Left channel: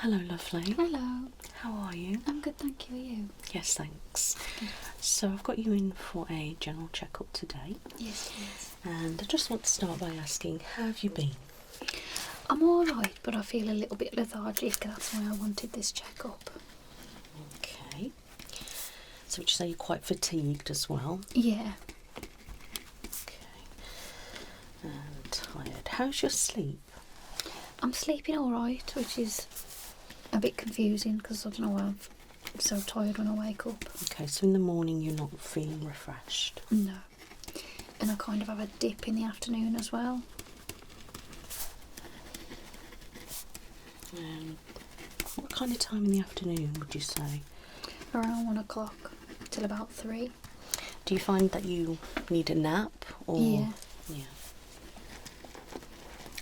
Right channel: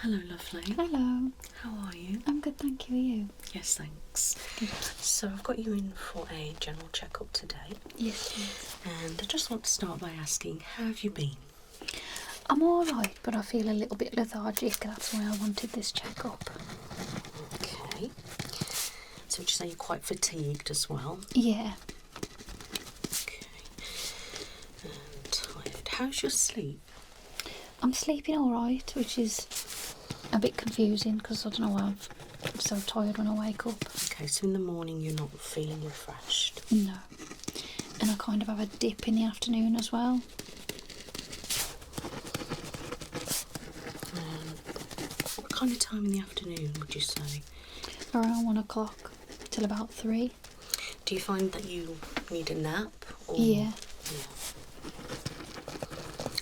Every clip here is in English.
Hello, lovely. Hello. How are you? I'm good, thank you. Are you? Yes, thanks. Good. So I've got you in for a general checkup today. Yes, please. And I just want to start by asking, how have you been? I'm alright, but I feel a little bit lethargic. That's why I wanted this checkup. Okay. So would you say you're quite fatigued as well? Yeah. Okay. And tired. How's your sleep? I'm sleeping alright, which is a bit confusing because I don't know why I'm so tired when I wake up. Okay, so in the morning you're not feeling refreshed? No. And I kind of have a dip in the afternoon as well. What kind of time in the afternoon would you say? Around 1 o'clock till about 3. Do you find that you need a nap? Or... Yeah.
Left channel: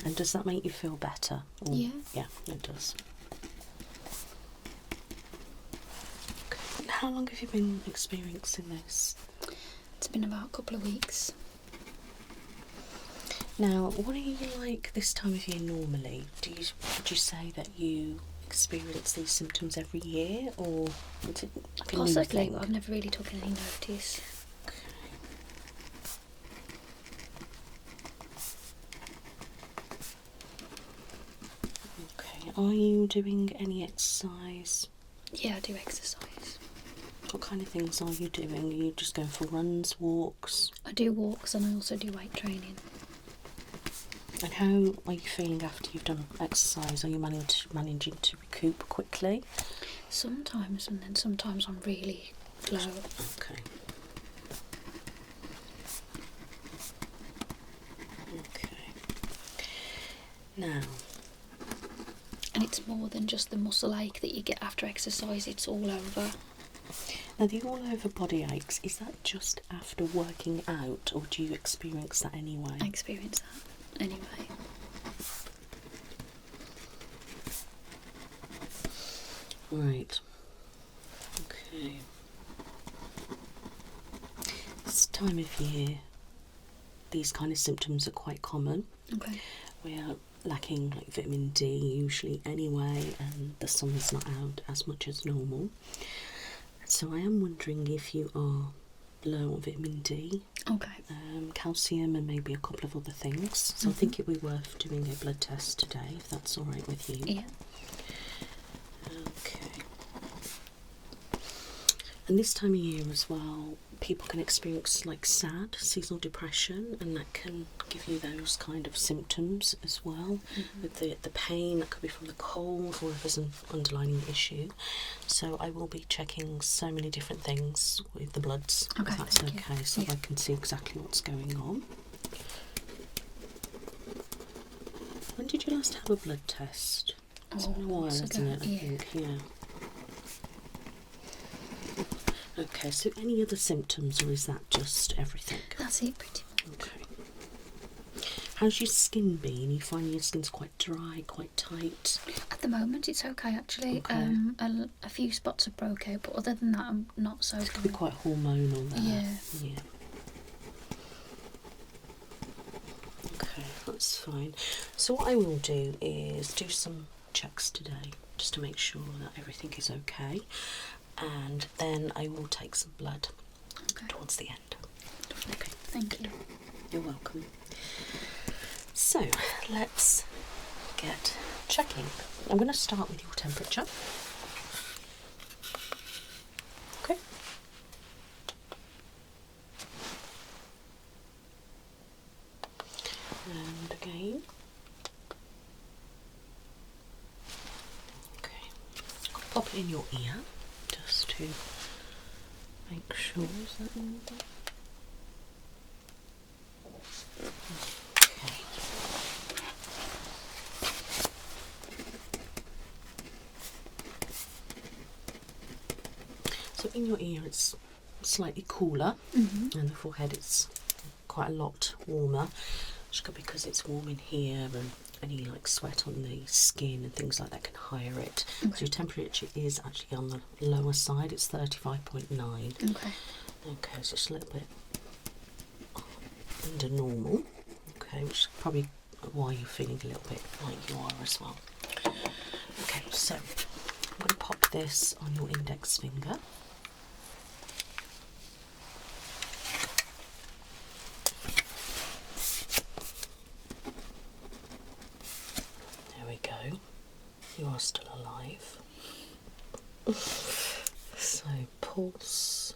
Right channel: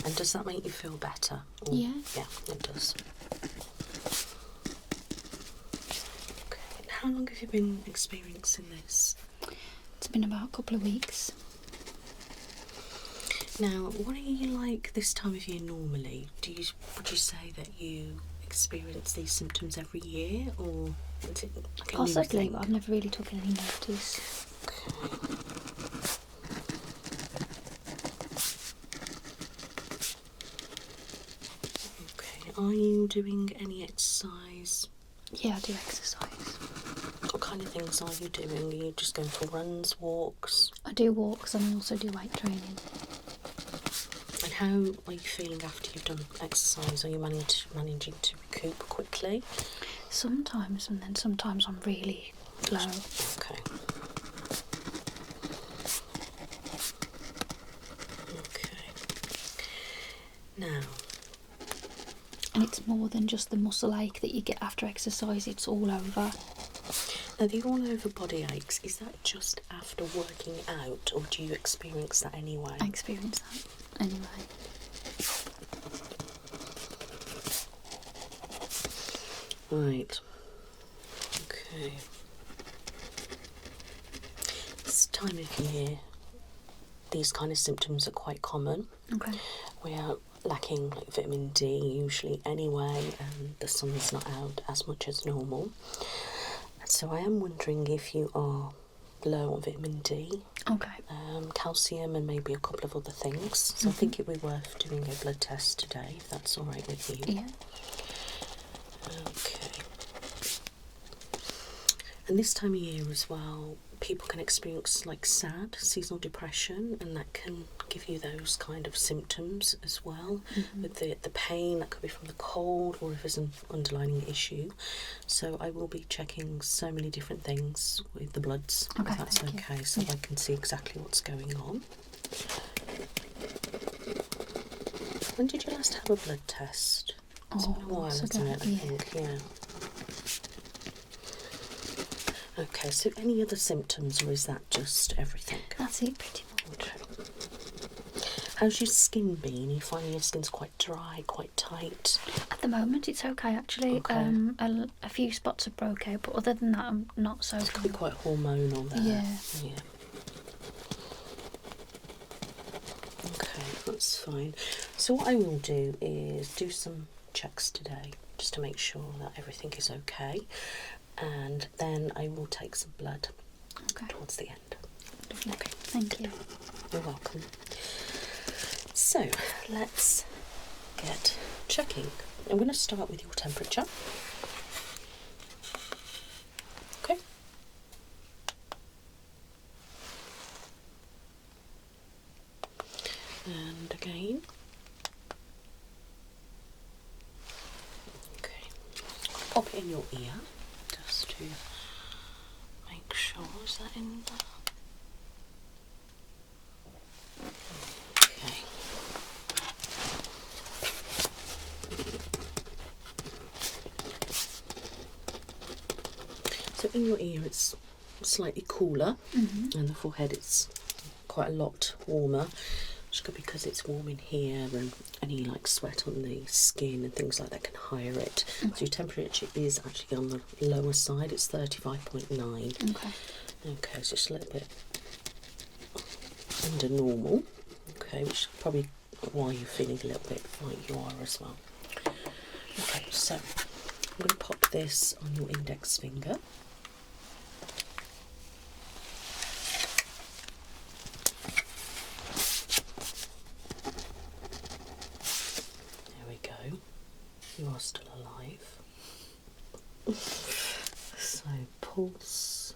And does that make you feel better? Or... Yeah. Yeah, it does. Okay. And how long have you been experiencing this? It's been about a couple of weeks. Now, what are you like this time of year normally? Would you say that you experience these symptoms every year, or is it like a new Possibly, thing? but I've never really taken any notice. Okay. Okay. Are you doing any exercise? Yeah, I do exercise. What kind of things are you doing? Are you just going for runs, walks? I do walks and I also do weight training. And how are you feeling after you've done exercise? Are you managing to recoup quickly? Sometimes, and then sometimes I'm really low. Okay. Okay. Now. And it's more than just the muscle ache that you get after exercise, it's all over. Now, the all over body aches, is that just after working out, or do you experience that anyway? I experience that anyway. Right. Okay. This time of year, these kind of symptoms are quite common. Okay. We are lacking like vitamin D usually anyway, and the sun's not out as much as normal. So I am wondering if you are low on vitamin D, Okay. calcium, and maybe a couple of other things. So I think it would be worth doing a blood test today, if that's all right with you. Yeah. Okay. And this time of year as well, people can experience like sad seasonal depression, and that can give you those kind of symptoms as well. With the pain that could be from the cold, or if there's an underlying issue. So I will be checking so many different things with the bloods, Okay, if that's thank okay, you. so Yeah. I can see exactly what's going on. When did you last have a blood test? It's been a while, months hasn't ago, it? I yeah. think, yeah. Okay, so any other symptoms, or is that just everything? That's it pretty much. Okay. How's your skin been? Are you finding your skin's quite dry, quite tight? At the moment it's okay actually. Okay. A few spots have broke out, but other than that I'm not so It could be quite hormonal there. Yeah. Yeah. Okay, that's fine. So what I will do is do some checks today, just to make sure that everything is okay. And then I will take some blood towards the end. Okay, thank you. You're welcome. So let's get checking. I'm going to start with your temperature. Okay. And again. Okay. I'll pop it in your ear just to make sure. Is that in there? Okay. So in your ear it's slightly cooler, and the forehead it's quite a lot warmer, which could be because it's warm in here, and any like sweat on the skin and things like that can higher it. So your temperature is actually on the lower side, it's 35.9. Okay. Okay, so it's a little bit under normal. Okay, which is probably why you're feeling a little bit like you are as well. Okay, Okay, so I'm going to pop this on your index finger. There we go. You are still alive. So pulse,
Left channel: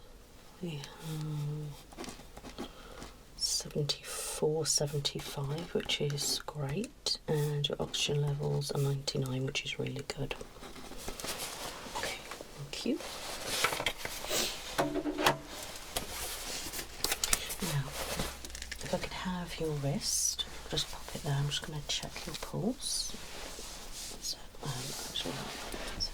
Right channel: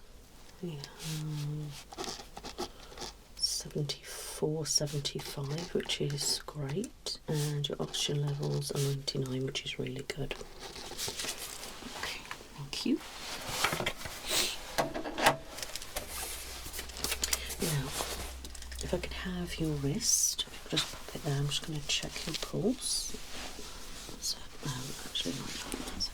we have 74, 75, which is great, and your oxygen levels are 99, which is really good. Okay, thank you. Now, if I could have your wrist, just pop it there. I'm just going to check your pulse. So, actually, that's it.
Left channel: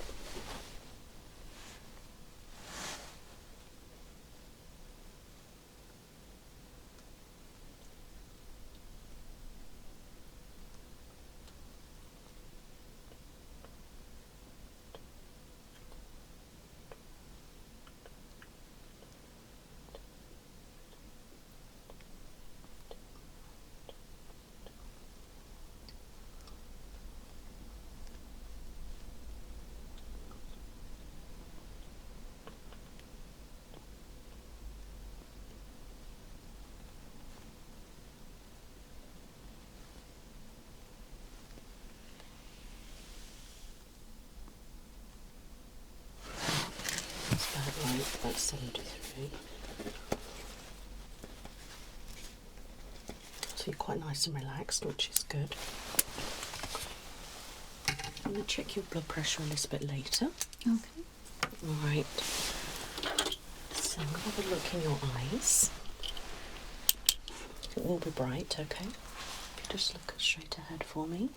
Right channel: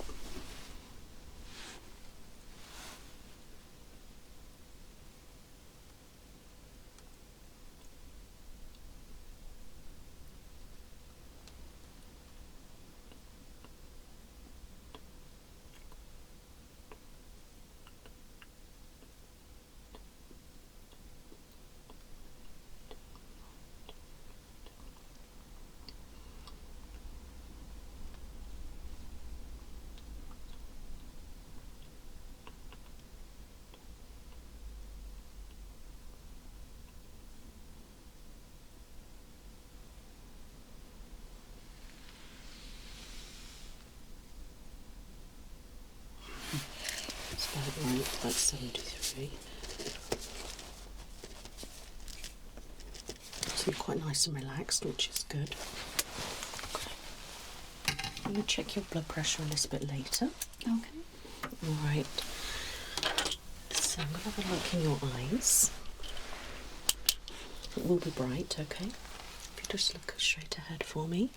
That's about right, about 73. So you're quite nice and relaxed, which is good. I'm going to check your blood pressure a little bit later. Okay. Alright. So I'm going to have a look in your eyes. It will be bright, okay? If you just look straight ahead for me.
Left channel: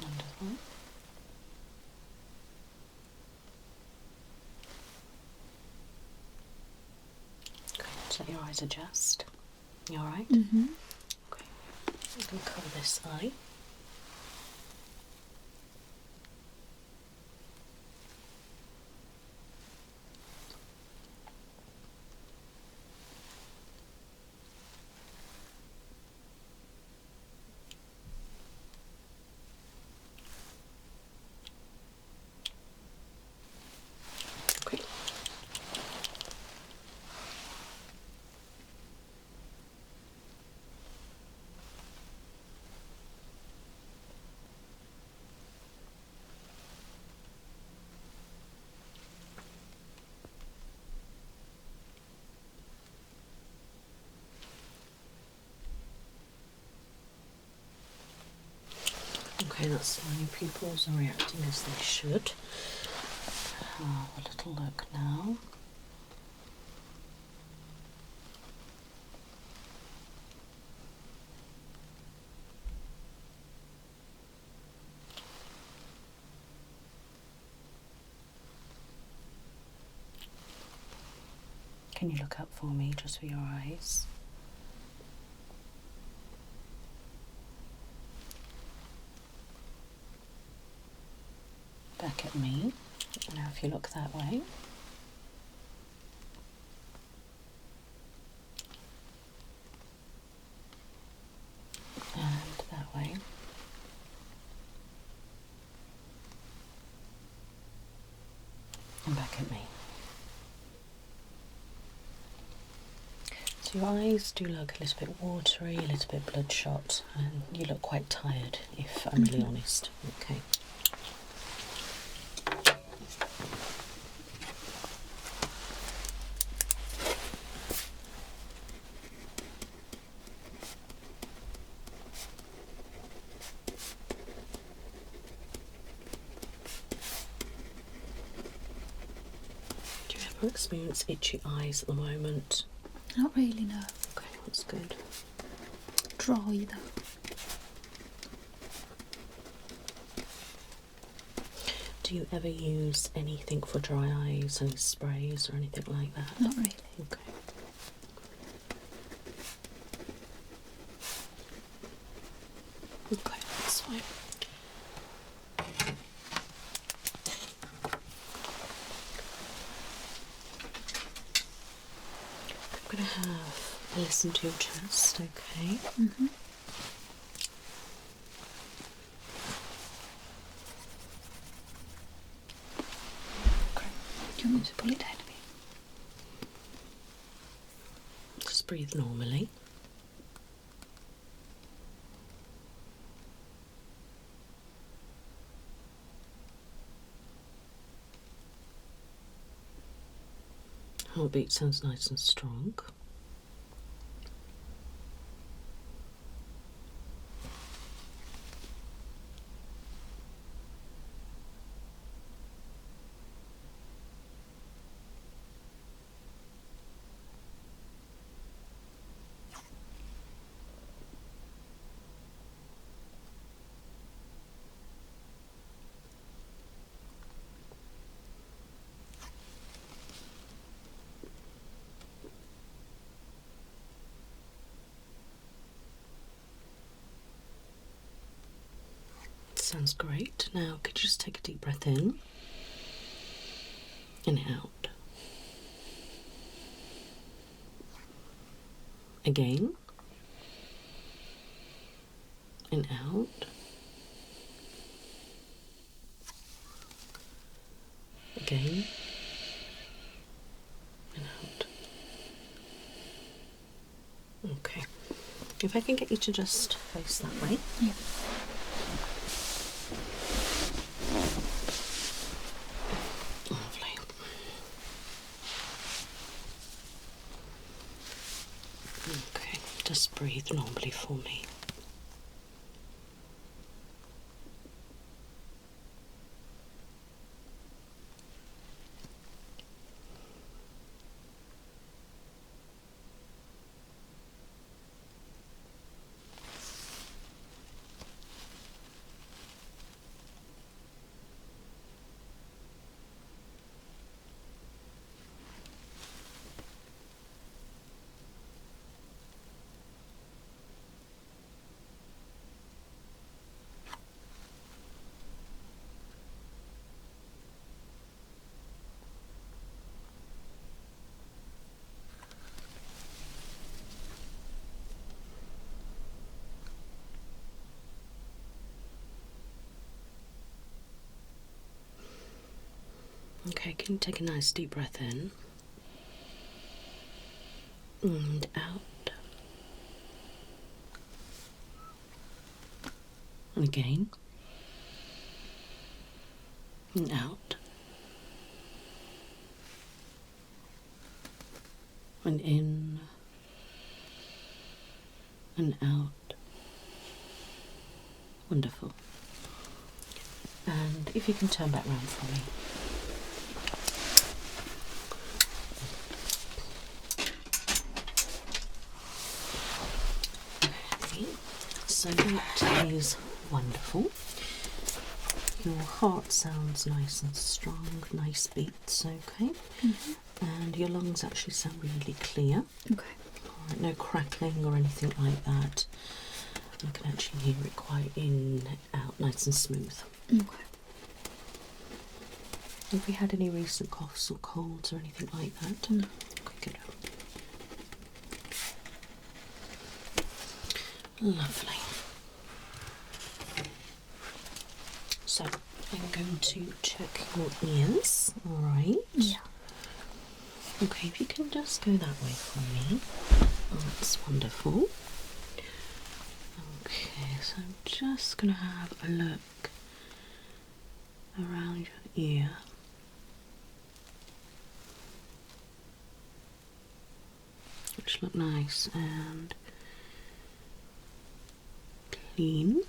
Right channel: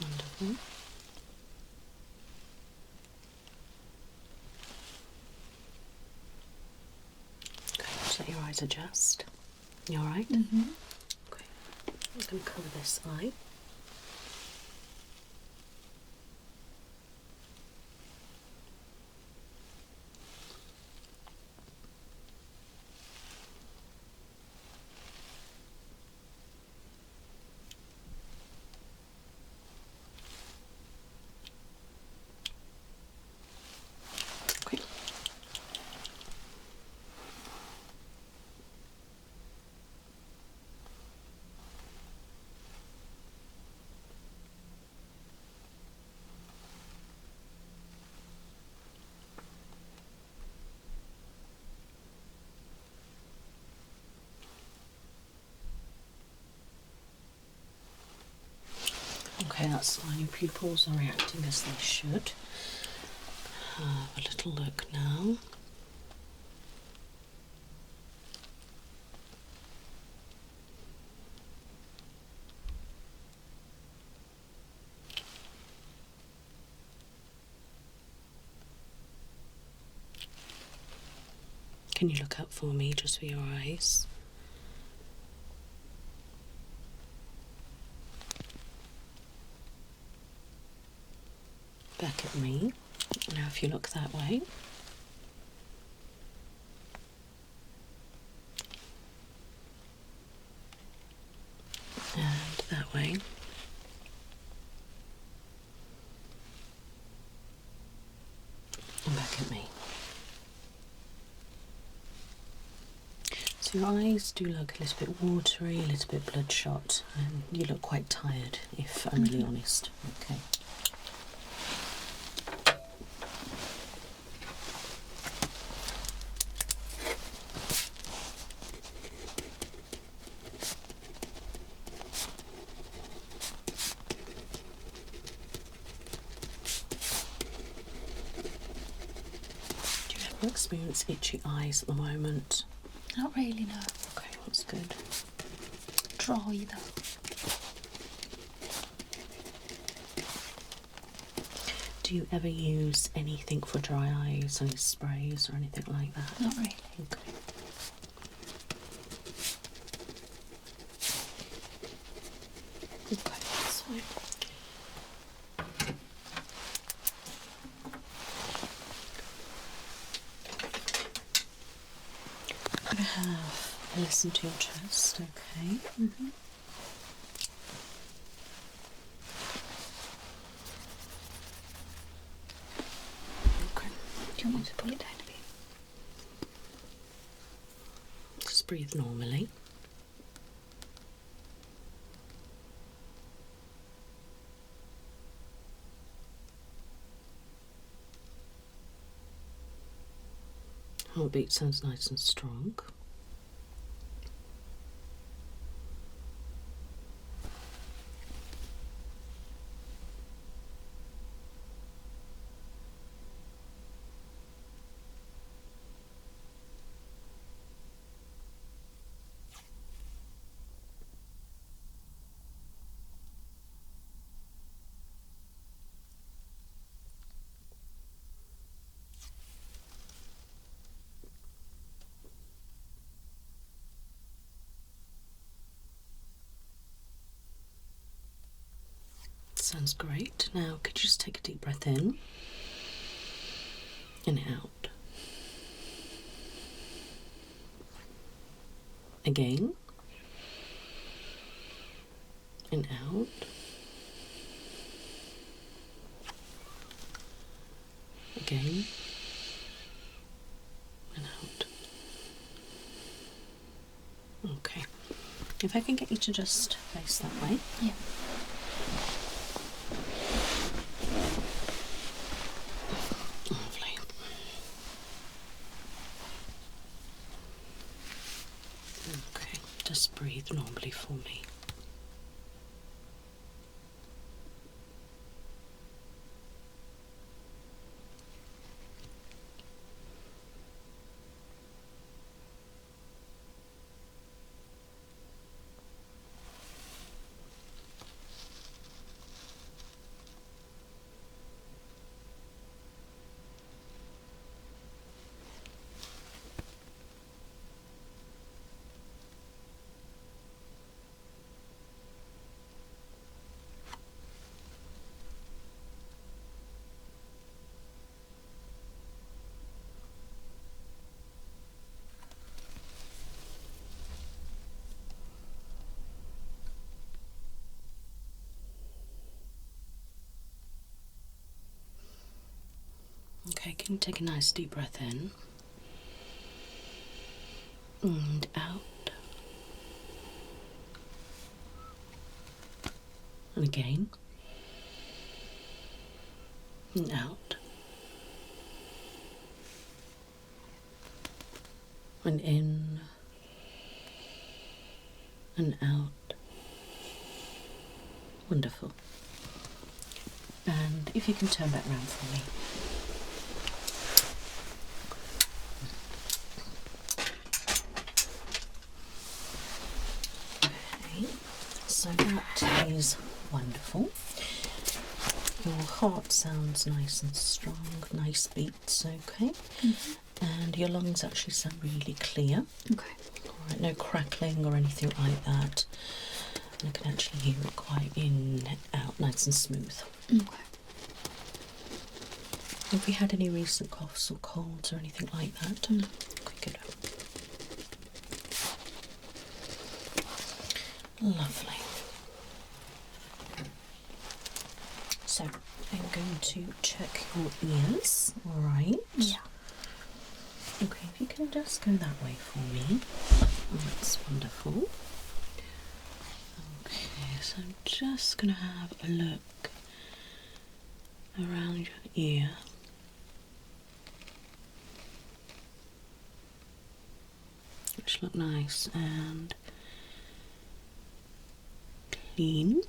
Wonderful. Okay, just let your eyes adjust. You alright? Mm-hmm. Okay. I'm going to cover this eye. Okay. Okay, that's fine. Your pupils are reacting as they should. Have a little look now. Can you look up for me just for your eyes? Back at me. Now if you look that way. And that way. And back at me. So your eyes do look a little bit watery, a little bit bloodshot, and you look quite tired, if I'm really honest. Okay. Do you ever experience itchy eyes at the moment? Not really, no. Okay, that's good. Dry though. Do you ever use anything for dry eyes, any sprays or anything like that? Not really. Okay. fine. I'm going to have a listen to your chest, okay? Mm-hmm. Okay. Do you want me to pull it down a bit? Just breathe normally. Heartbeat sounds nice and strong. Sounds great. Now, could you just take a deep breath in and out? Again. And out. Again. And out. Okay. If I can get you to just face that way. Yeah. Lovely. Okay, just breathe normally for me. Okay, can you take a nice deep breath in and out, and again, and out, and in, and out. Wonderful. And if you can turn back round for me. Okay, so that is wonderful. Your heart sounds nice and strong, nice beats, okay? Mm-hmm. And your lungs actually sound really clear. Okay. Alright, no crackling or anything like that. And I can actually hear it quite in, out, nice and smooth. Okay. Have we had any recent coughs or colds or anything like that? No. Okay, good. Lovely. So, I'm going to check your ears, alright? Yeah. Okay, if you can just go that way for me. Oh, that's wonderful. Okay, so I'm just going to have a look around your ear. Which look nice and clean.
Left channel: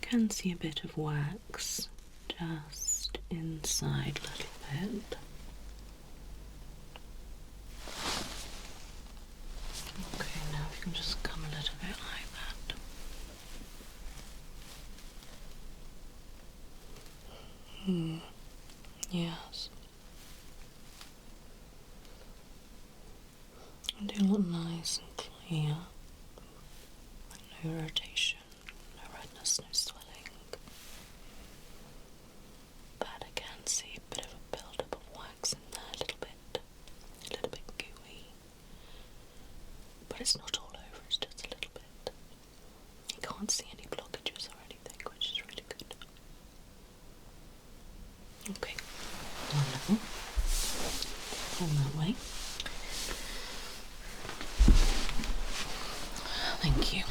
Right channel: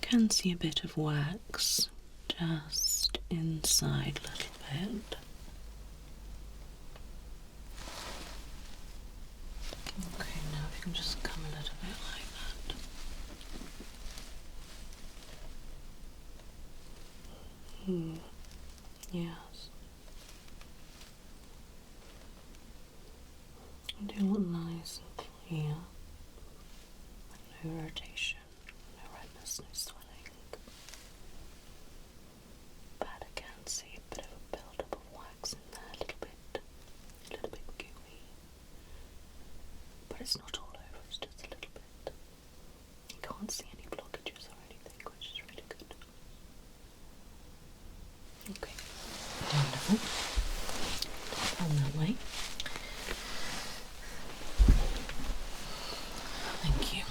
Can see a bit of wax just inside a little bit. Okay, now if you can just come a little bit like that. Yes. They look nice and there's no swelling. But I can see a bit of a build-up of wax in there, a little bit gooey. But it's not all over, it's just a little bit. You can't see any blockages or anything, which is really good. Okay, wonderful. Down that way. Thank you.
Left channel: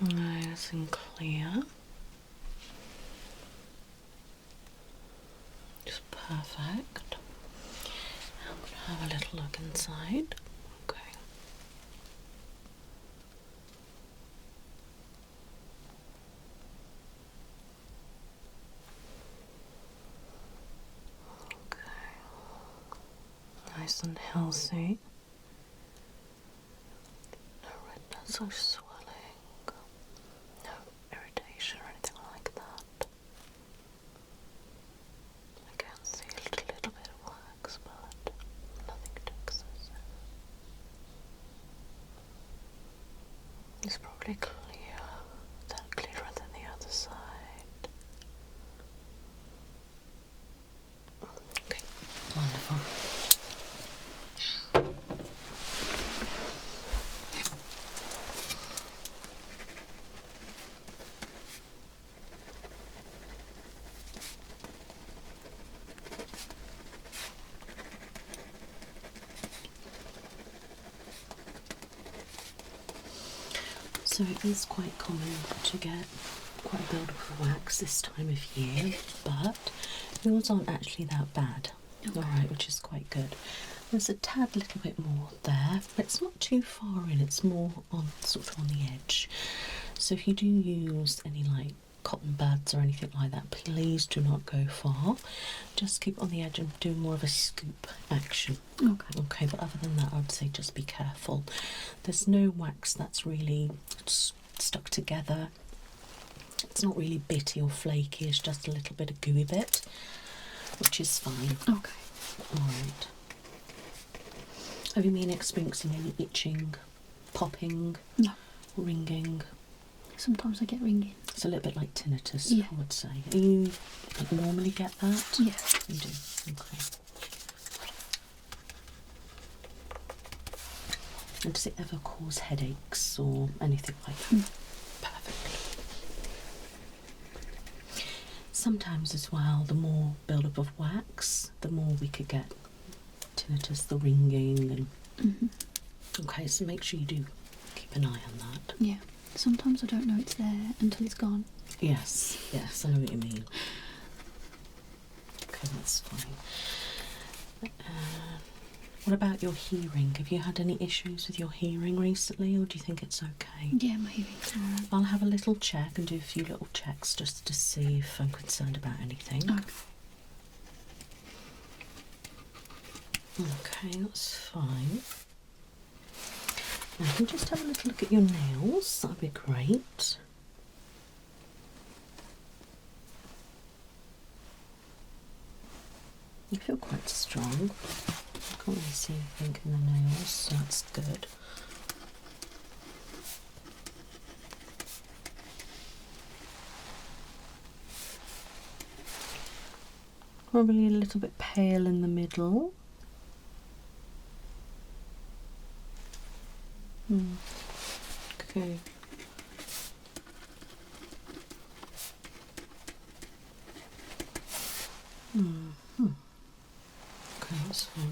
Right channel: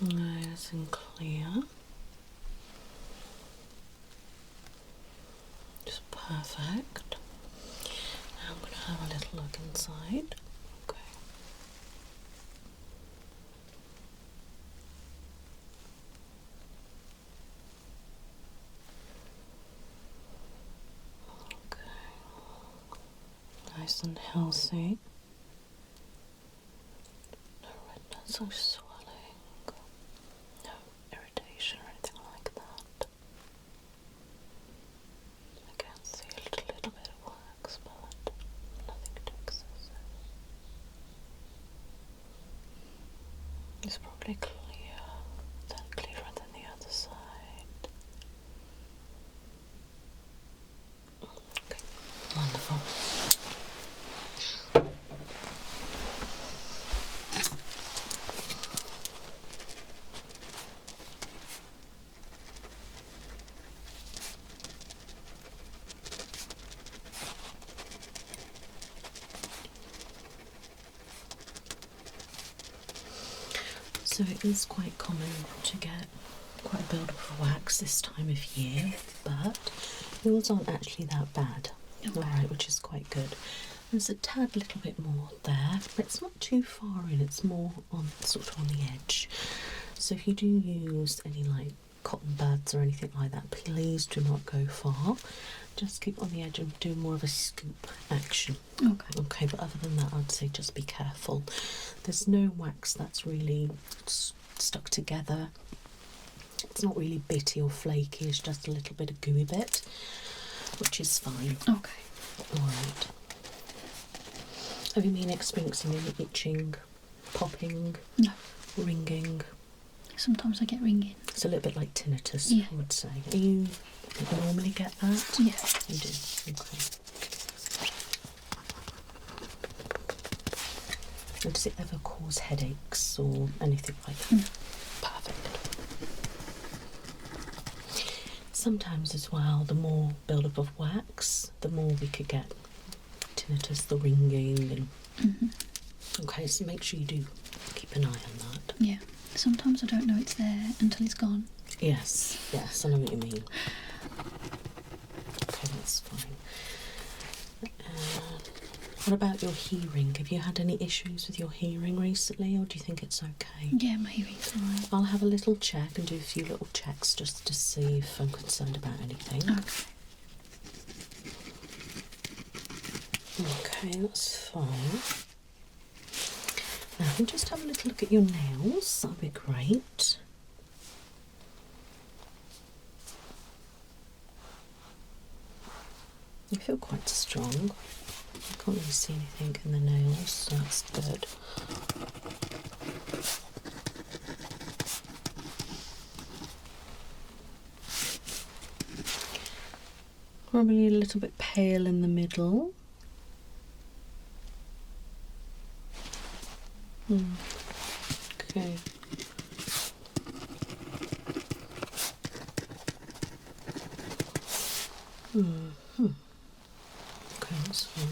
Nice and clear. Just perfect. Now I'm going to have a little look inside. Okay. Nice and healthy. No redness or swelling. No irritation or anything like that. I can see a little bit of wax, but nothing too excessive. It's probably clearer than the other side. Okay, wonderful. So it is quite common to get quite a build-up of wax this time of year, but yours aren't actually that bad. Okay. Alright, which is quite good. There's a tad little bit more there, but it's not too far in, it's more on sort of on the edge. So if you do use any like cotton buds or anything like that, please do not go far. Just keep it on the edge and do more of a scoop action. Okay, but other than that, I'd say just be careful. There's no wax that's really stuck together. It's not really bitty or flaky, it's just a little bit of gooey bit, which is fine. Okay. Alright. Have you been experiencing any itching, popping, no, ringing? Sometimes I get ringing. It's a little bit like tinnitus, yeah, I would say. Do you normally get that? Yeah. You do? Okay. And does it ever cause headaches or anything like that? Perfect. Sometimes as well, the more build-up of wax, the more we could get tinnitus, the ringing, and okay, so make sure you do keep an eye on that. Yeah. Sometimes I don't know it's there until it's gone. Yes, I know what you mean. Okay, that's fine. What about your hearing? Have you had any issues with your hearing recently, or do you think it's okay? Yeah, my hearing's alright. I'll have a little check and do a few little checks just to see if I'm concerned about anything. Okay, that's fine. Now, I can just have a little look at your nails. That'd be great. You feel quite strong. I can't really see anything in the nails, so that's good. Probably a little bit pale in the middle. Okay. Okay, that's fine.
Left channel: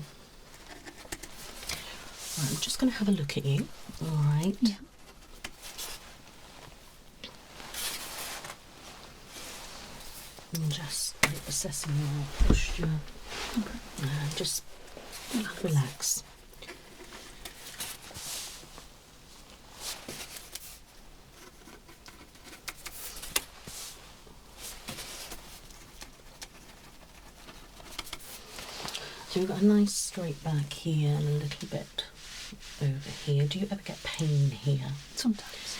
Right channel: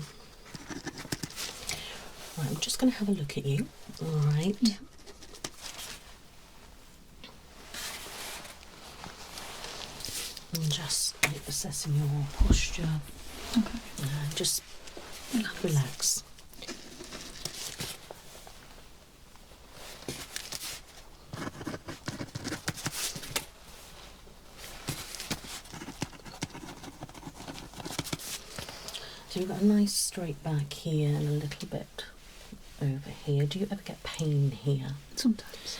Right, I'm just going to have a look at you. All right. Yeah. And just like assessing your posture. Okay. And just relax. So you've got a nice straight back here and a little bit over here. Do you ever get pain here? Sometimes.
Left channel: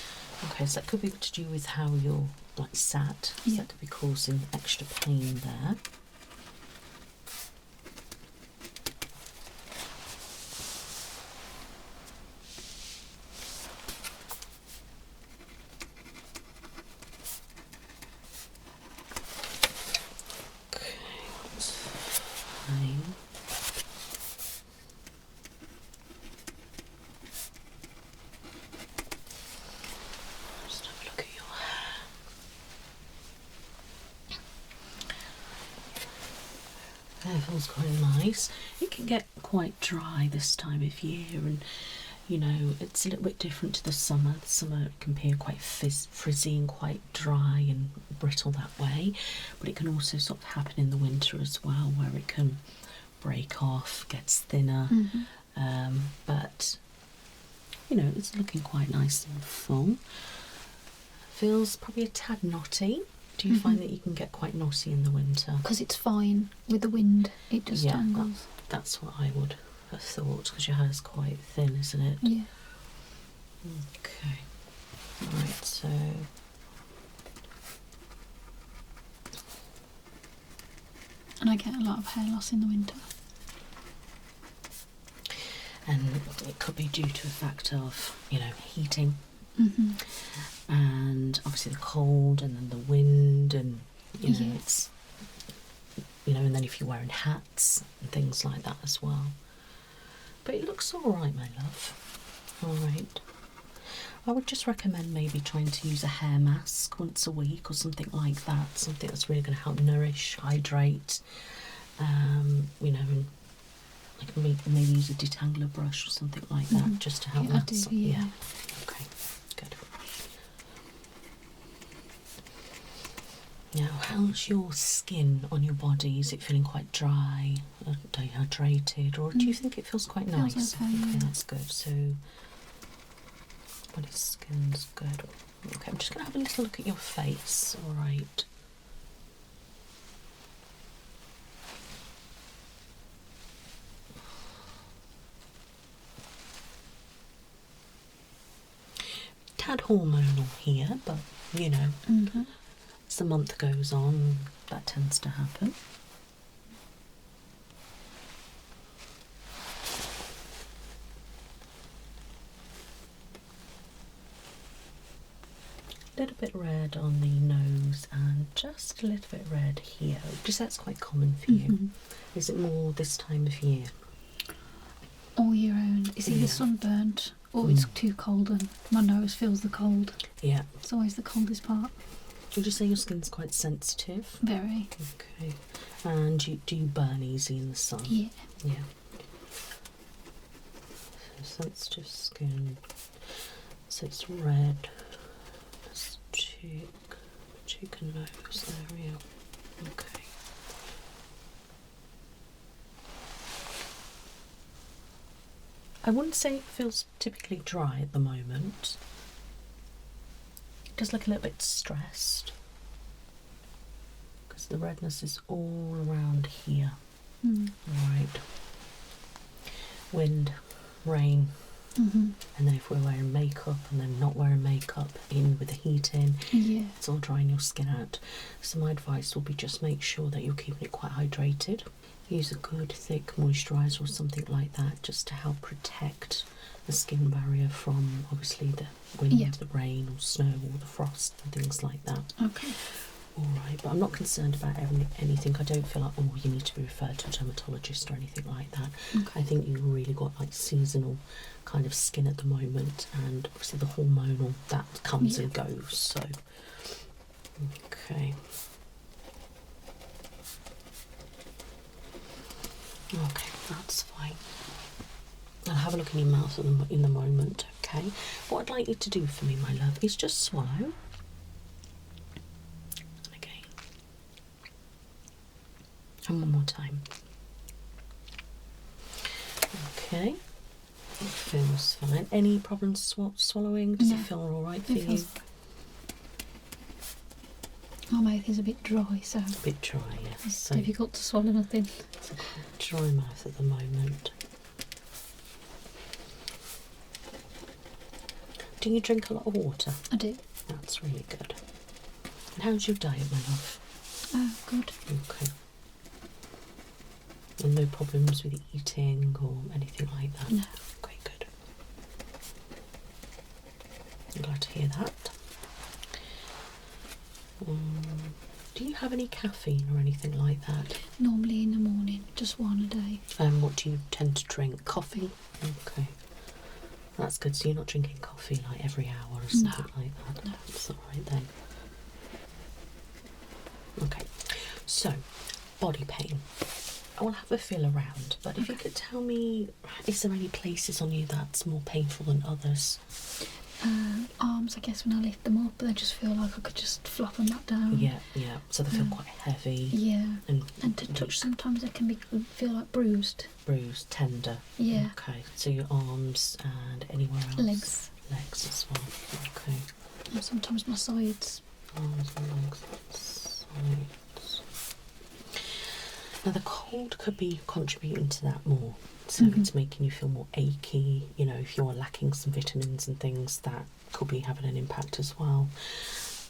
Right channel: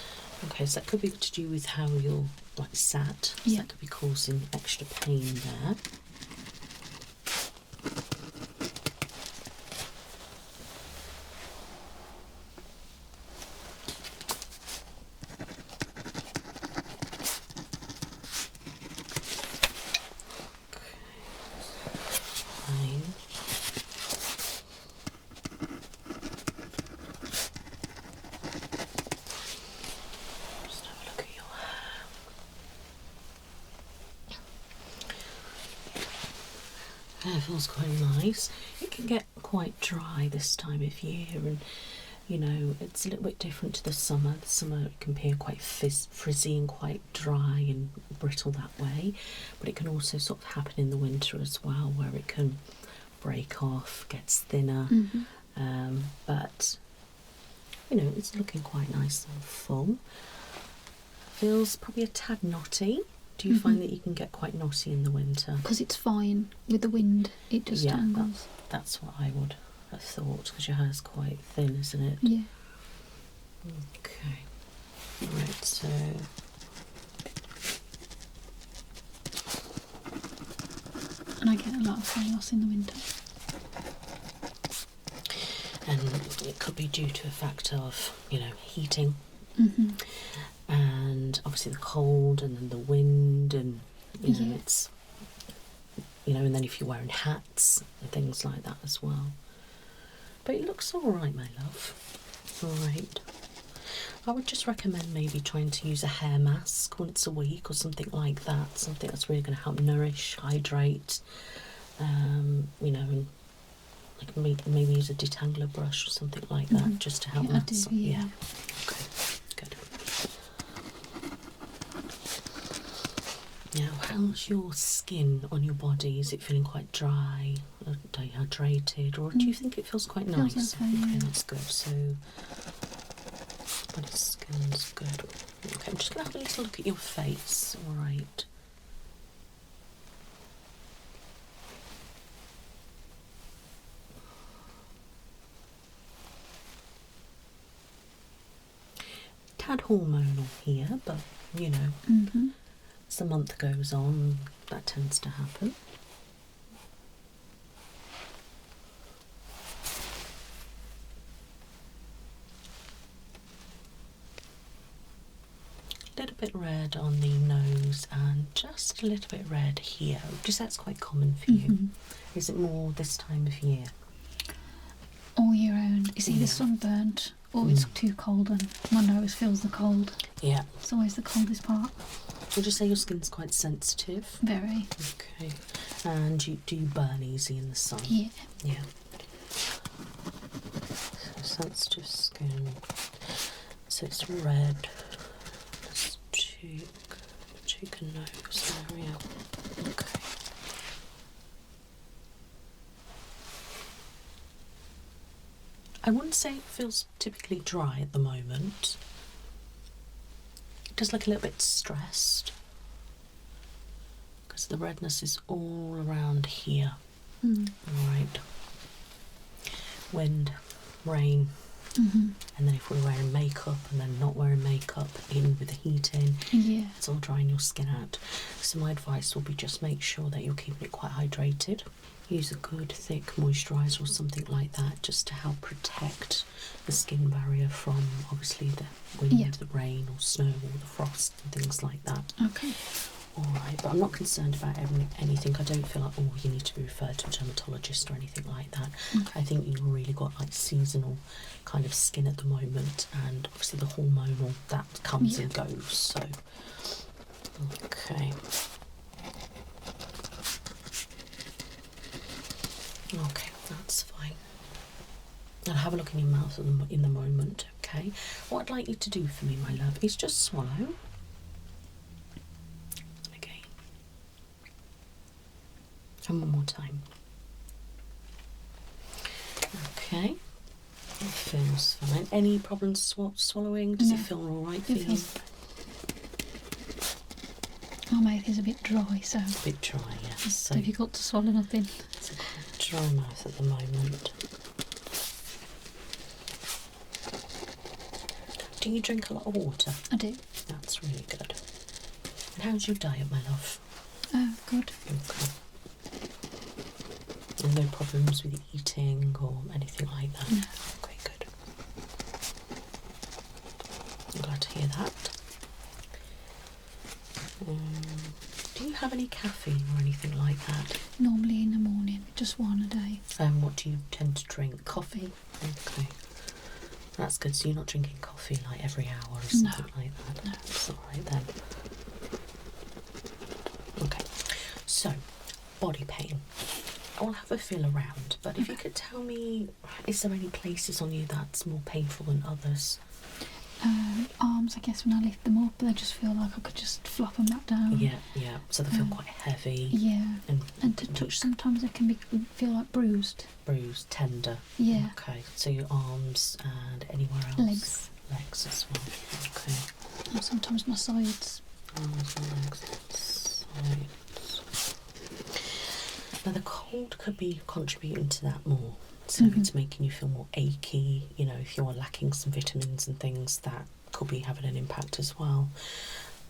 Okay, so that could be to do with how you're like sat. So Yeah. that could be causing extra pain there. It feels quite nice. It can get quite dry this time of year, and you know, it's a little bit different to the summer. The summer can appear quite frizzy and quite dry and brittle that way, but it can also sort of happen in the winter as well, where it can break off, gets thinner. But you know, it's looking quite nice and full. Feels probably a tad knotty. Do you find that you can get quite knotty in the winter? Because it's fine with the wind, it just tangles. That's what I would have thought, because your hair's quite thin, isn't it? Yeah. Okay. Right, so And I get a lot of hair loss in the winter. and it could be due to a factor of, you know, heating, and obviously the cold, and then the wind, and you know, it's, you know, and then if you're wearing hats and things like that as well. But it looks all right, my love. All right. I would just recommend maybe trying to use a hair mask once a week or something like that. Something that's really going to help nourish, hydrate, you know, and like maybe use a detangler brush or something like that, just to help that. Yeah. Okay, good. Now, how's your skin on your body? Is it feeling quite dry, or dehydrated, or do you think it feels quite nice? Feels okay, Okay, that's good. So, body skin's good. Okay, I'm just going to have a little look at your face, alright? Tad hormonal here, but you know, as the month goes on, that tends to happen. A little bit red on the nose and just a little bit red here. Just that's quite common for you. Is it more this time of year? All year round. It's either sunburnt or it's too cold and my nose feels the cold. Yeah. It's always the coldest part. Would you say your skin's quite sensitive? Very. Okay. And do you burn easy in the sun? Yeah. Yeah. So sensitive skin. So it's red. Let's cheek and nose area. Okay. I wouldn't say it feels typically dry at the moment. It does look a little bit stressed, because the redness is all around here. Alright. Wind, rain, and then if we're wearing makeup and then not wearing makeup, in with the heat in, it's all drying your skin out. So my advice will be just make sure that you're keeping it quite hydrated. Use a good thick moisturiser or something like that, just to help protect the skin barrier from obviously the wind, the rain or snow or the frost and things like that. Okay. Alright, but I'm not concerned about anything. I don't feel like, oh, you need to be referred to a dermatologist or anything like that. I think you've really got like seasonal kind of skin at the moment, and obviously the hormonal, that comes and goes, so okay. Okay, that's fine. I'll have a look in your mouth in the moment, okay? What I'd like you to do for me, my love, is just swallow. Okay. And one more time. Okay. It feels fine. Any problems swallowing? Does it feel alright for you? My mouth is a bit dry, so A bit dry, yeah. it's So difficult to swallow nothing. it's a quite dry mouth at the moment. Do you drink a lot of water? I do. That's really good. And how's your diet, my love? Oh, good. Okay. And no problems with eating or anything like that? No. Okay, good. I'm glad to hear that. Do you have any caffeine or anything like that? Normally in the morning, just one a day. What do you tend to drink? Coffee? Okay. That's good. So you're not drinking coffee like every hour or something like that? No. It's alright then. Okay. So, body pain. I'll have a feel around, but if you could tell me, is there any places on you that's more painful than others? Arms, I guess, when I lift them up, they just feel like I could just flop them back down. Yeah, yeah. So they feel quite heavy. Yeah. And to touch, sometimes they can feel like bruised. Bruised, tender. Yeah. Okay. So your arms and anywhere else? Legs. Legs as well. Okay. And sometimes my sides. Arms and legs, sides. Now the cold could be contributing to that more. So it's making you feel more achy, you know, if you're lacking some vitamins and things, that could be having an impact as well.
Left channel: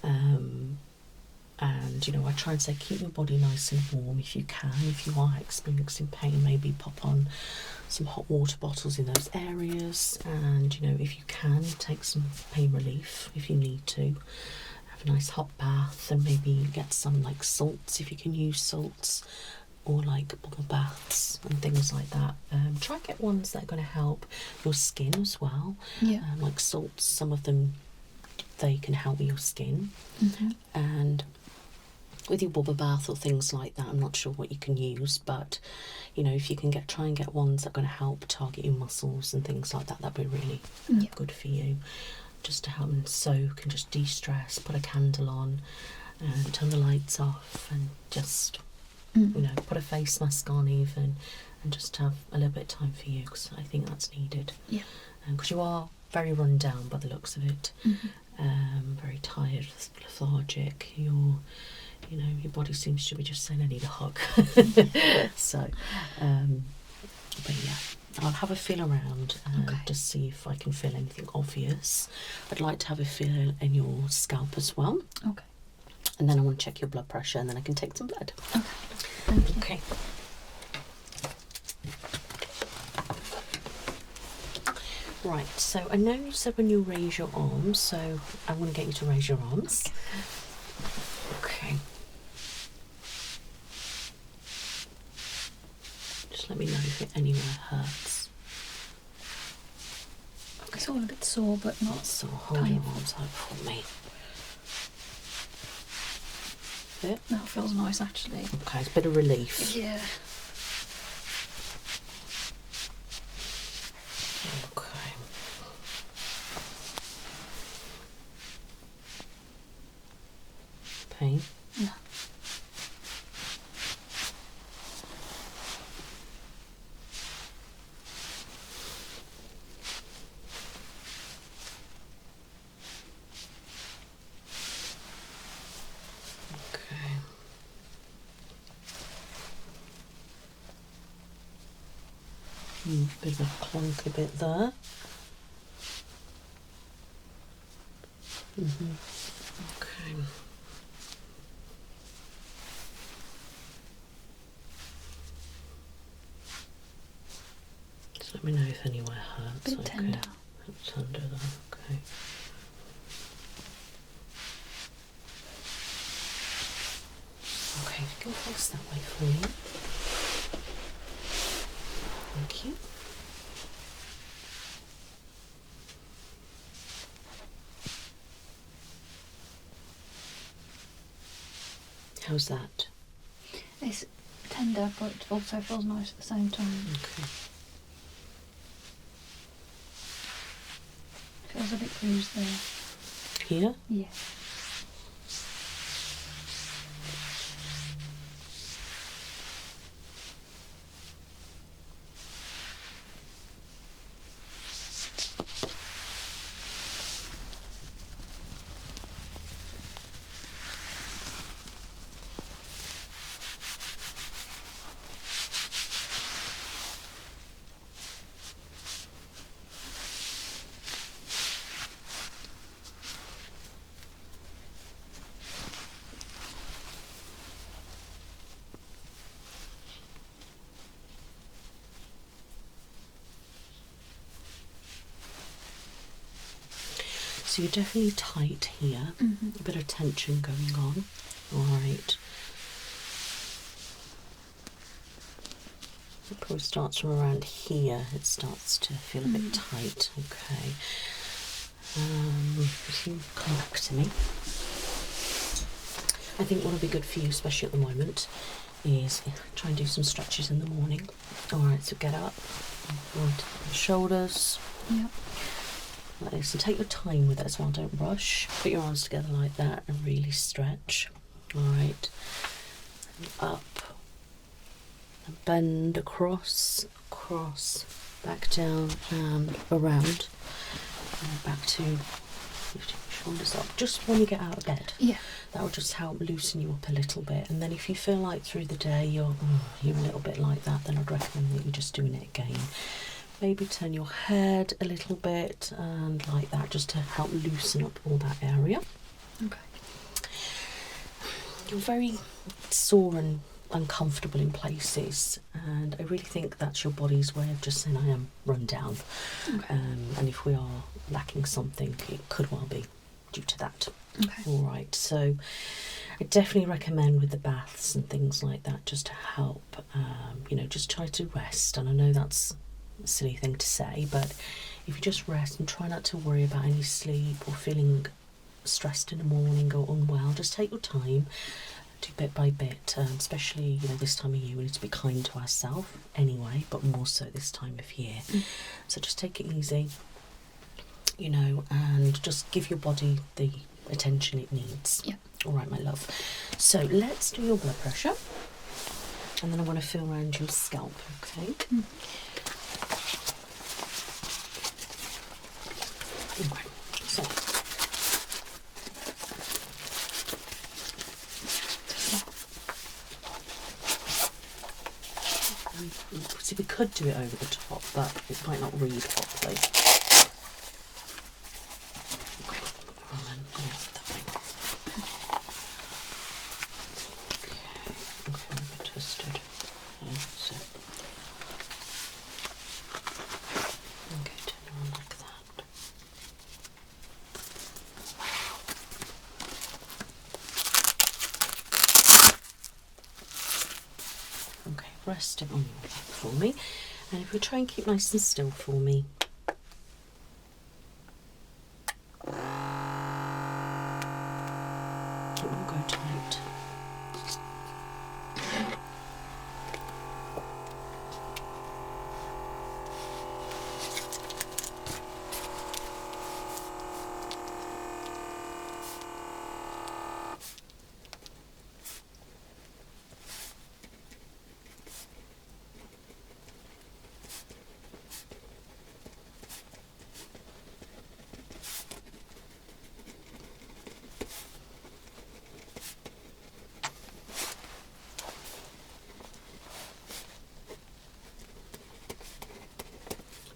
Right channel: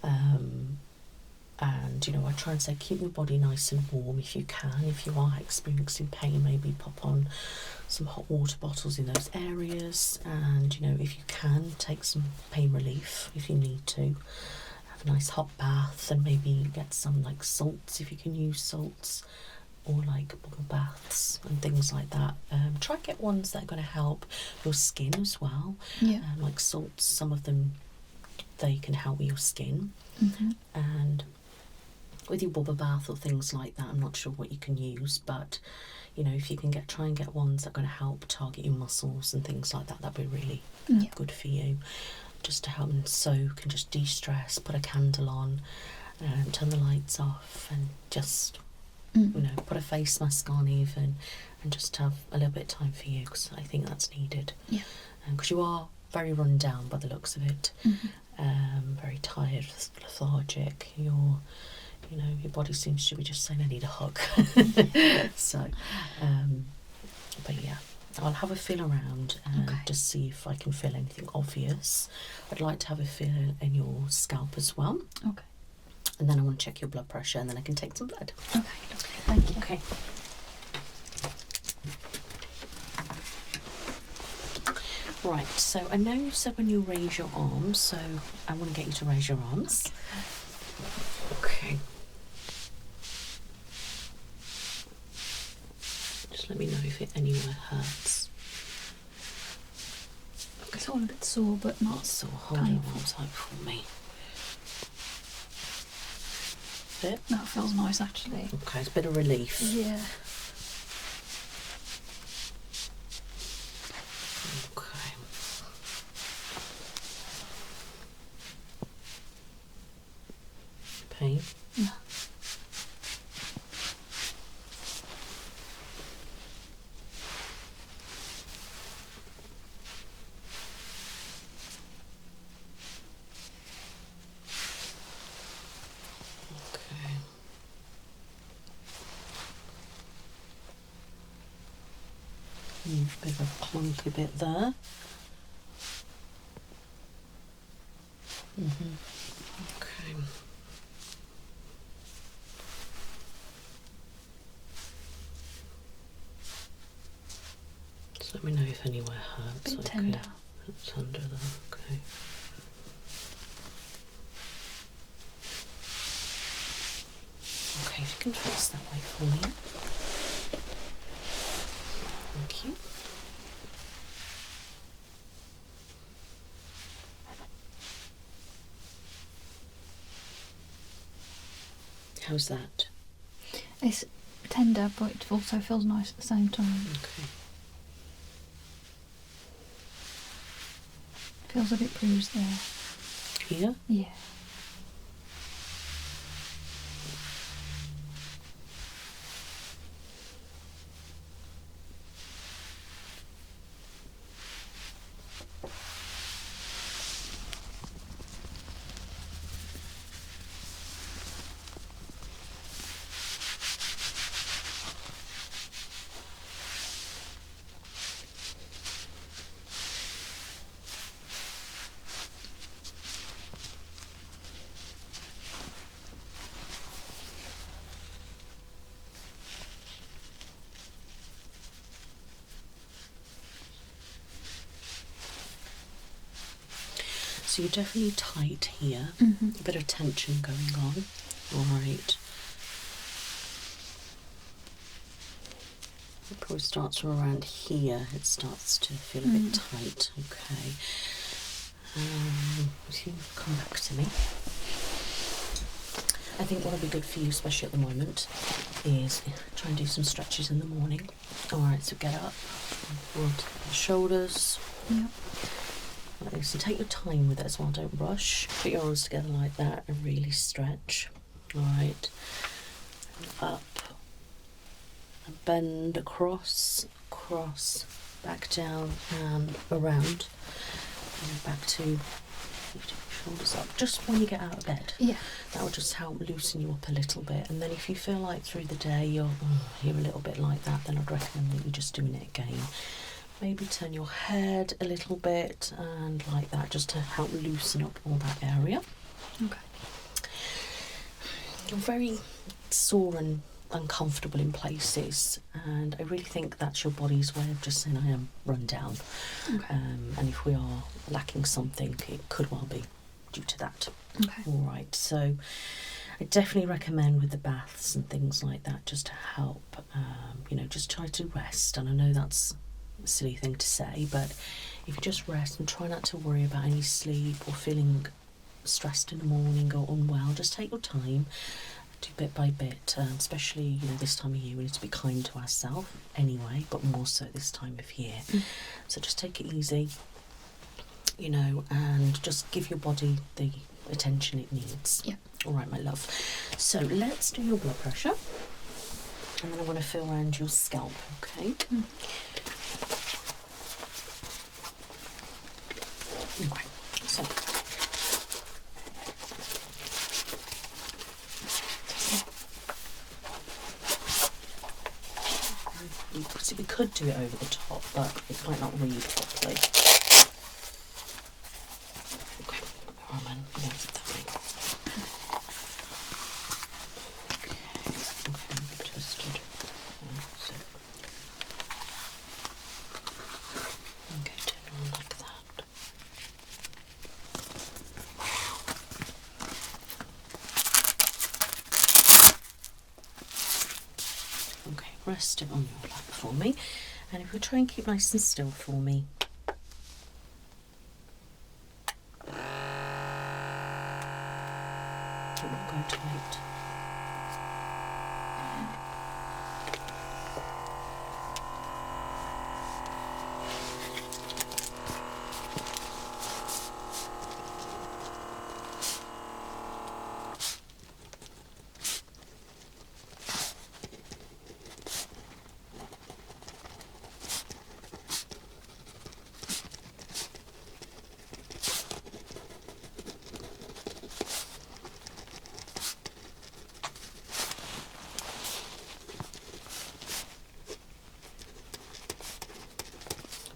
And, you know, I try and say keep your body nice and warm if you can. If you are experiencing pain, maybe pop on some hot water bottles in those areas. And, you know, if you can, take some pain relief if you need to. Have a nice hot bath and maybe get some, like, salts if you can use salts. Or like bubble baths and things like that. Try and get ones that are going to help your skin as well. Yeah. Like salts, some of them, they can help with your skin. And with your bubble bath or things like that, I'm not sure what you can use, but you know, if you can try and get ones that are going to help target your muscles and things like that, that'd be really good for you. Just to help them soak and just de-stress, put a candle on and turn the lights off and just... you know, put a face mask on even, and just have a little bit of time for you, because I think that's needed. Yeah. Because you are very run down by the looks of it. Very tired, lethargic. You know, your body seems to be just saying, I need a hug. So, but yeah, I'll have a feel around and just see if I can feel anything obvious. I'd like to have a feel in your scalp as well. Okay. And then I want to check your blood pressure, and then I can take some blood. Okay, thank you. Okay. Right, so I know you said when you raise your arms, so I want to get you to raise your arms. Okay. Just let me know if it anywhere hurts. Okay. It's all a bit sore, but not So hold your arms up for me. That feels nice, actually. Okay, it's a bit of relief. Yeah. Okay. Pain? Yeah. Bit of a clunky bit there. Okay. Just let me know if anywhere hurts. Bit tender. It's under there. Okay. Okay, you can face that way for me. Thank you. How's that? It's tender, but it also feels nice at the same time. Okay. Feels a bit bruised there. Here? Yeah. So you're definitely tight here. A bit of tension going on. Alright. It probably starts from around here. It starts to feel a bit tight. Okay. If you come back to me. I think what would be good for you, especially at the moment, is try and do some stretches in the morning. Alright, so get up, onto the shoulders. Yeah. Like this, and take your time with it as well, don't rush. Put your arms together like that and really stretch. Alright, up, and bend across, back down and around, and back to shoulders up. Just when you get out of bed, Yeah. that will just help loosen you up a little bit. And then if you feel like through the day you're a little bit like that, then I'd recommend that you're just doing it again. Maybe turn your head a little bit and like that, just to help loosen up all that area. Okay. You're very sore and uncomfortable in places, and I really think that's your body's way of just saying I am run down. Okay. And if we are lacking something, it could well be due to that. Okay. All right, so I definitely recommend with the baths and things like that, just to help, just try to rest. And I know that's a silly thing to say, but if you just rest and try not to worry about any sleep or feeling stressed in the morning or unwell, just take your time, do bit by bit, especially this time of year we need to be kind to ourselves anyway, but more so this time of year. So just take it easy, and just give your body the attention it needs. Yeah. All right, my love, so let's do your blood pressure, and then I'm going to feel around your scalp. Okay. Okay, so see, we could do it over the top, but it might not read properly. Okay, well then, that way. Okay, tested. So. Okay, turn it on like that. Okay, rest it on your back for me, and if we try and keep nice and still for me. It won't go tight.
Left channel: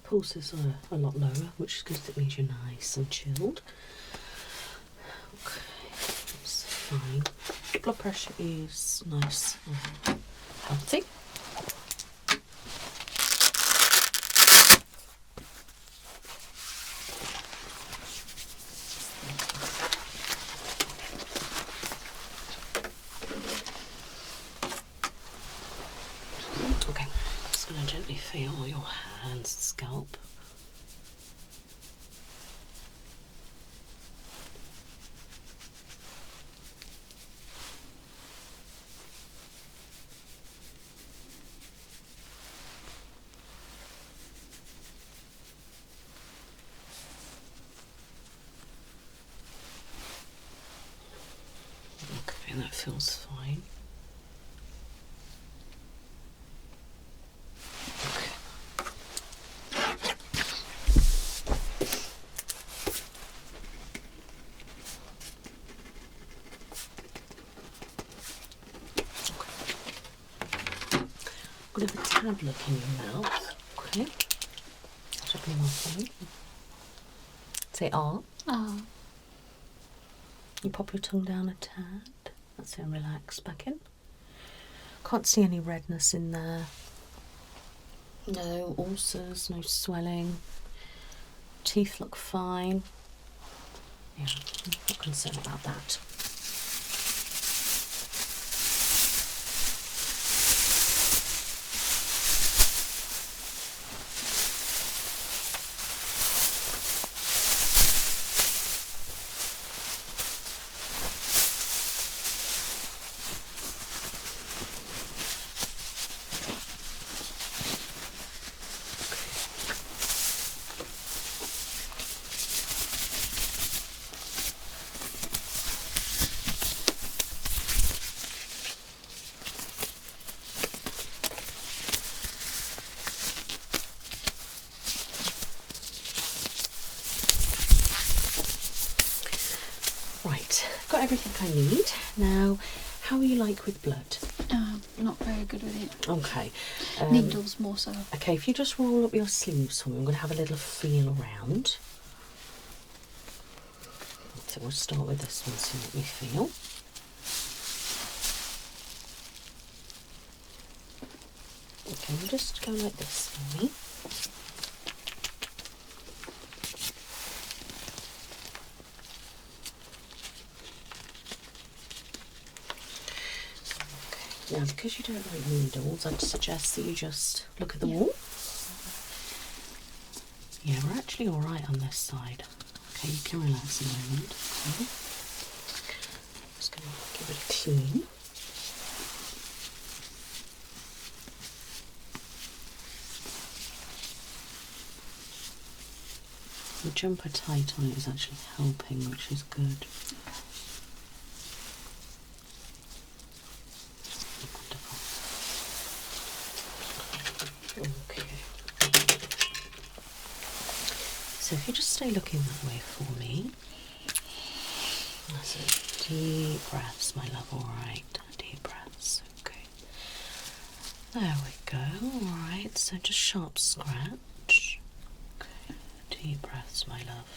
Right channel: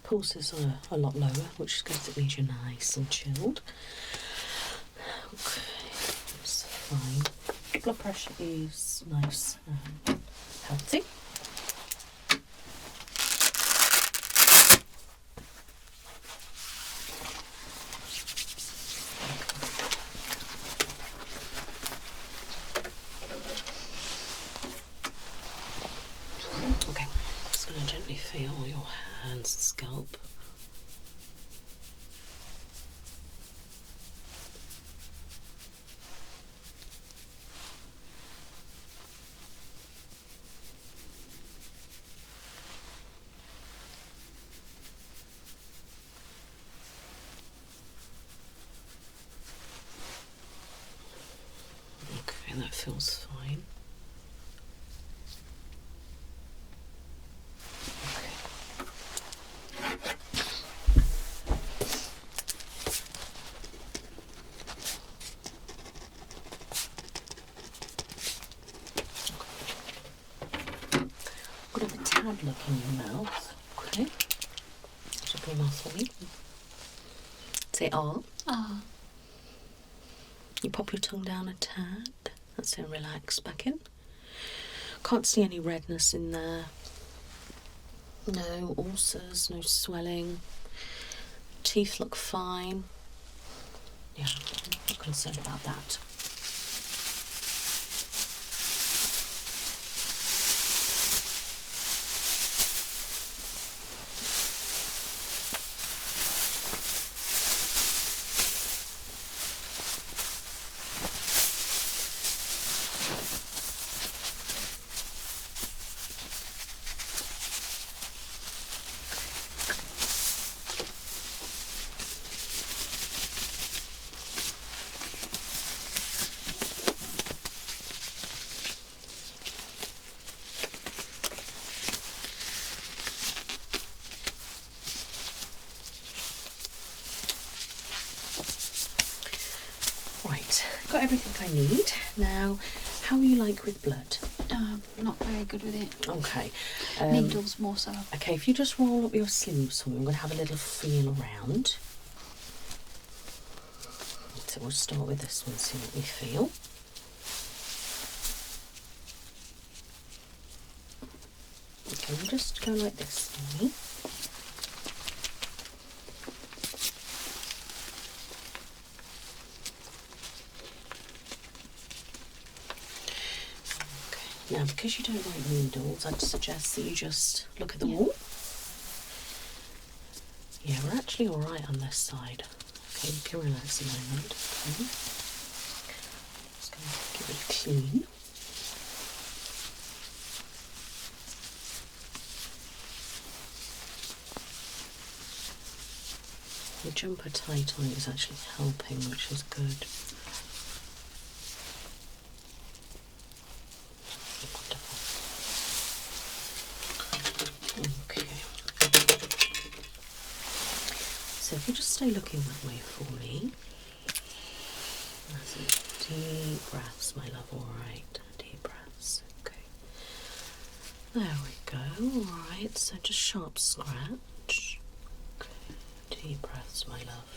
Pulses are a lot lower, which is good, it means you're nice and chilled. Okay, that's fine. Blood pressure is nice and healthy. Okay, just going to gently feel your hands, scalp. Okay, that feels fine. I'm going to have a tad look in your mouth. Okay. Stop your mouth for me. Say R. Ah. You pop your tongue down a tad. That's it, relax back in. Can't see any redness in there. No ulcers, no swelling. Teeth look fine. Yeah, I'm not concerned about that. got everything I need. Now, how are you like with blood? Not very good with it. Okay. Needles more so. Okay, if you just roll up your sleeves for me, I'm going to have a little feel around. So we'll start with this one, see what we feel. Okay, we'll just go like this for me. Now, because you don't like needles, I'd suggest that you just look at the wall. Yeah, we're actually all right on this side. Okay, you can relax a moment. Okay. Just going to give it a clean. The jumper tight on it is actually helping, which is good. Okay. So if you just stay looking that way for me. That's it. Deep breaths, my love. All right. Deep breaths. Okay. There we go. All right. So just sharp scratch. Okay. Deep breaths, my love.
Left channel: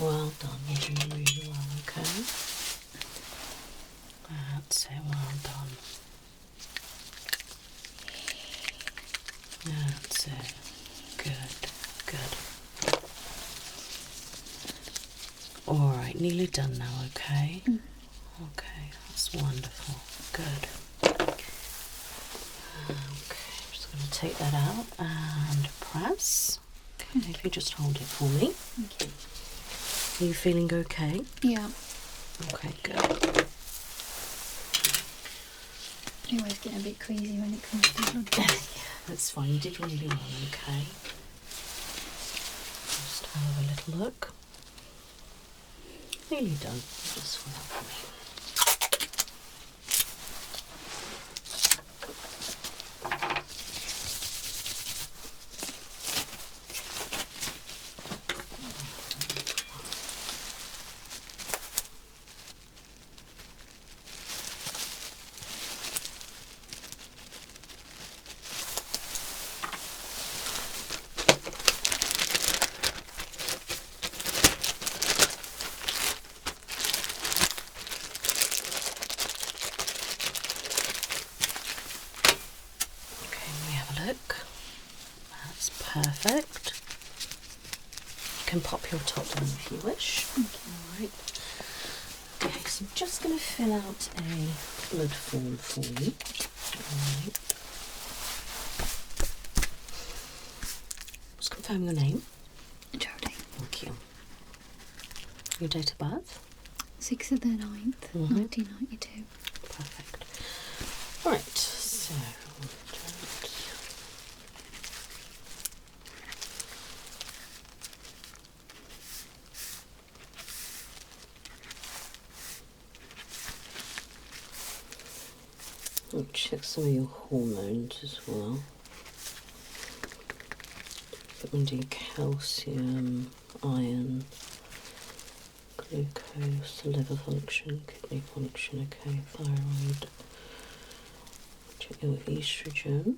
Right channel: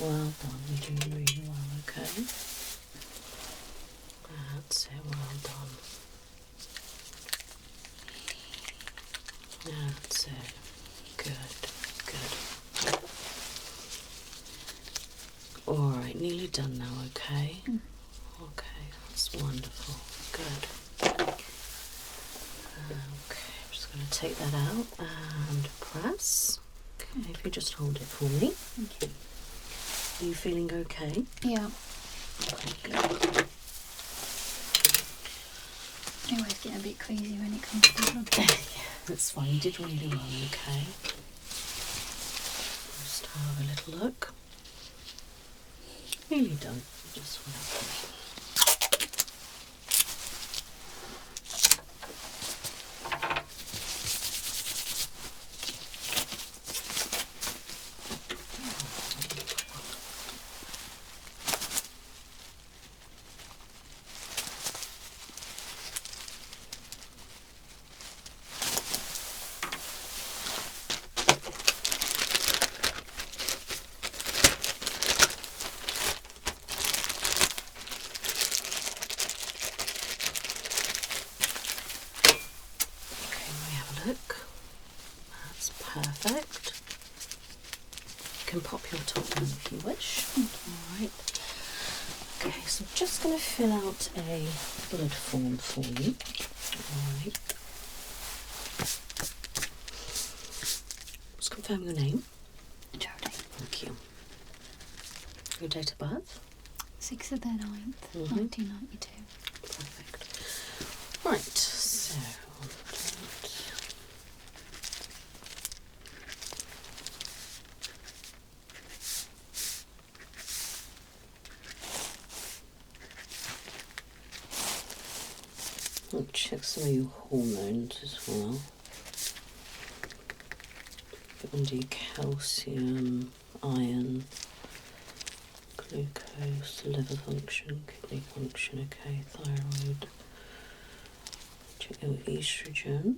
Well done. You're doing really well. Okay. That's it. Well done. That's it. Good, good. Alright, nearly done now, okay? Okay, that's wonderful. Good. Okay, I'm just going to take that out and press. Okay, if you just hold it for me. Okay. Are you feeling okay? Yeah. Okay, good. I always get a bit queasy when it comes to blood tests. Yeah, that's fine. You did really well, okay? Just have a little look. Nearly done. Just for that. Perfect. You can pop your top on if you wish. Alright. Okay, so I'm just going to fill out a blood form for you. Alright. Just confirm your name. Jodie. Thank you. Your date of birth. 6th of the 9th, 1992. Perfect. Right, so I'll check some of your hormones as well. Vitamin D, calcium, iron, glucose, liver function, kidney function, okay, thyroid. Check your estrogen.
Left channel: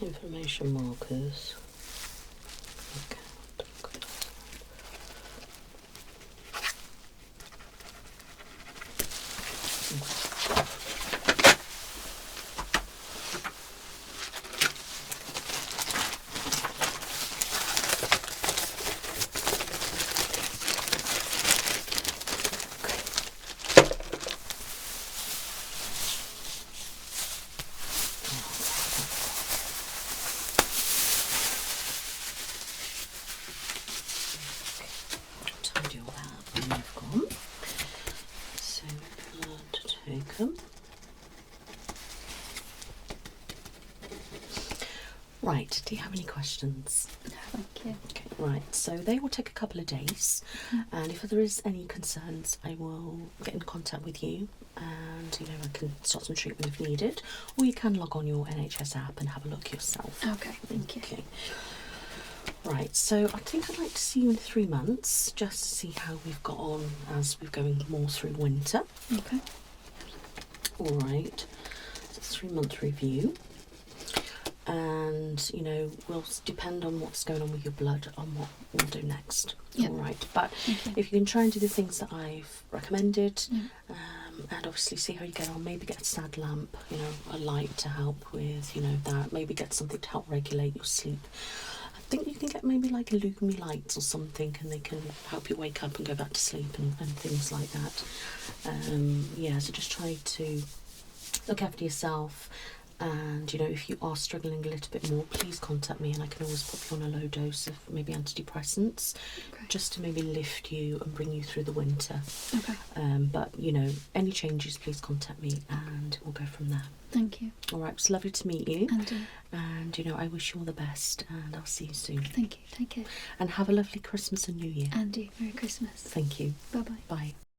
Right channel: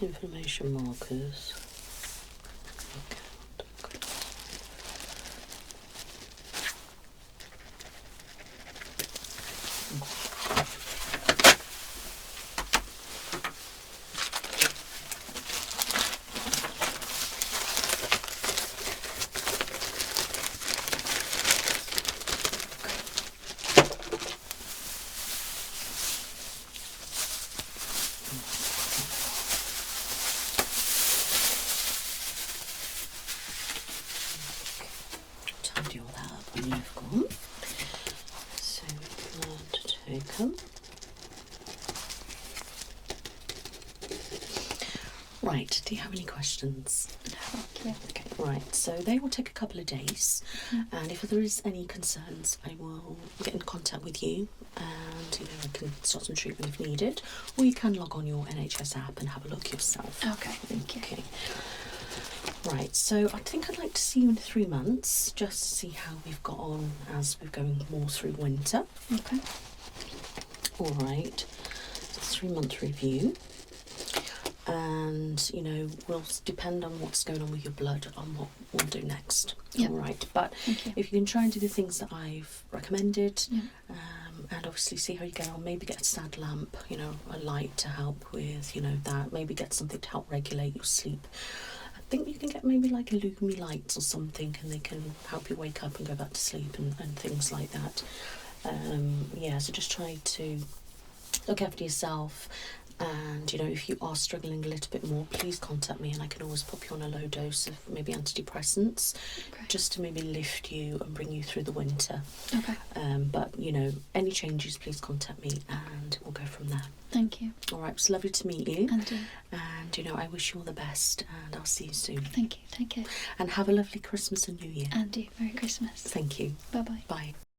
Inflammation markers. Okay. Tidy all that up when you've gone. So blood taken. Right, do you have any questions? Yeah. Okay, right, so they will take a couple of days, and if there is any concerns, I will get in contact with you, and I can start some treatment if needed, or you can log on your NHS app and have a look yourself. Okay, thank you. Okay. Right, so I think I'd like to see you in 3 months, just to see how we've got on as we're going more through winter. Okay. All right, 3-month review, and you know, will depend on what's going on with your blood on what we'll do next. Yep. All right, but Okay. if you can try and do the things that I've recommended, Yeah. and obviously see how you get on, maybe get a sad lamp, you know, a light to help with, you know, that, maybe get something to help regulate your sleep. I think you can get maybe like Lumi lights or something, and they can help you wake up and go back to sleep and things like that. Yeah, so just try to look after yourself, and you know, if you are struggling a little bit more, please contact me and I can always put you on a low dose of maybe antidepressants, Okay. just to maybe lift you and bring you through the winter. Okay. But you know, any changes, please contact me and we'll go from there. Thank you. All right, it's lovely to meet you, And and you know, I wish you all the best, and I'll see you soon. thank you. Take care. And have a lovely Christmas and New Year. And you. Merry Christmas. Thank you. Bye bye. Bye.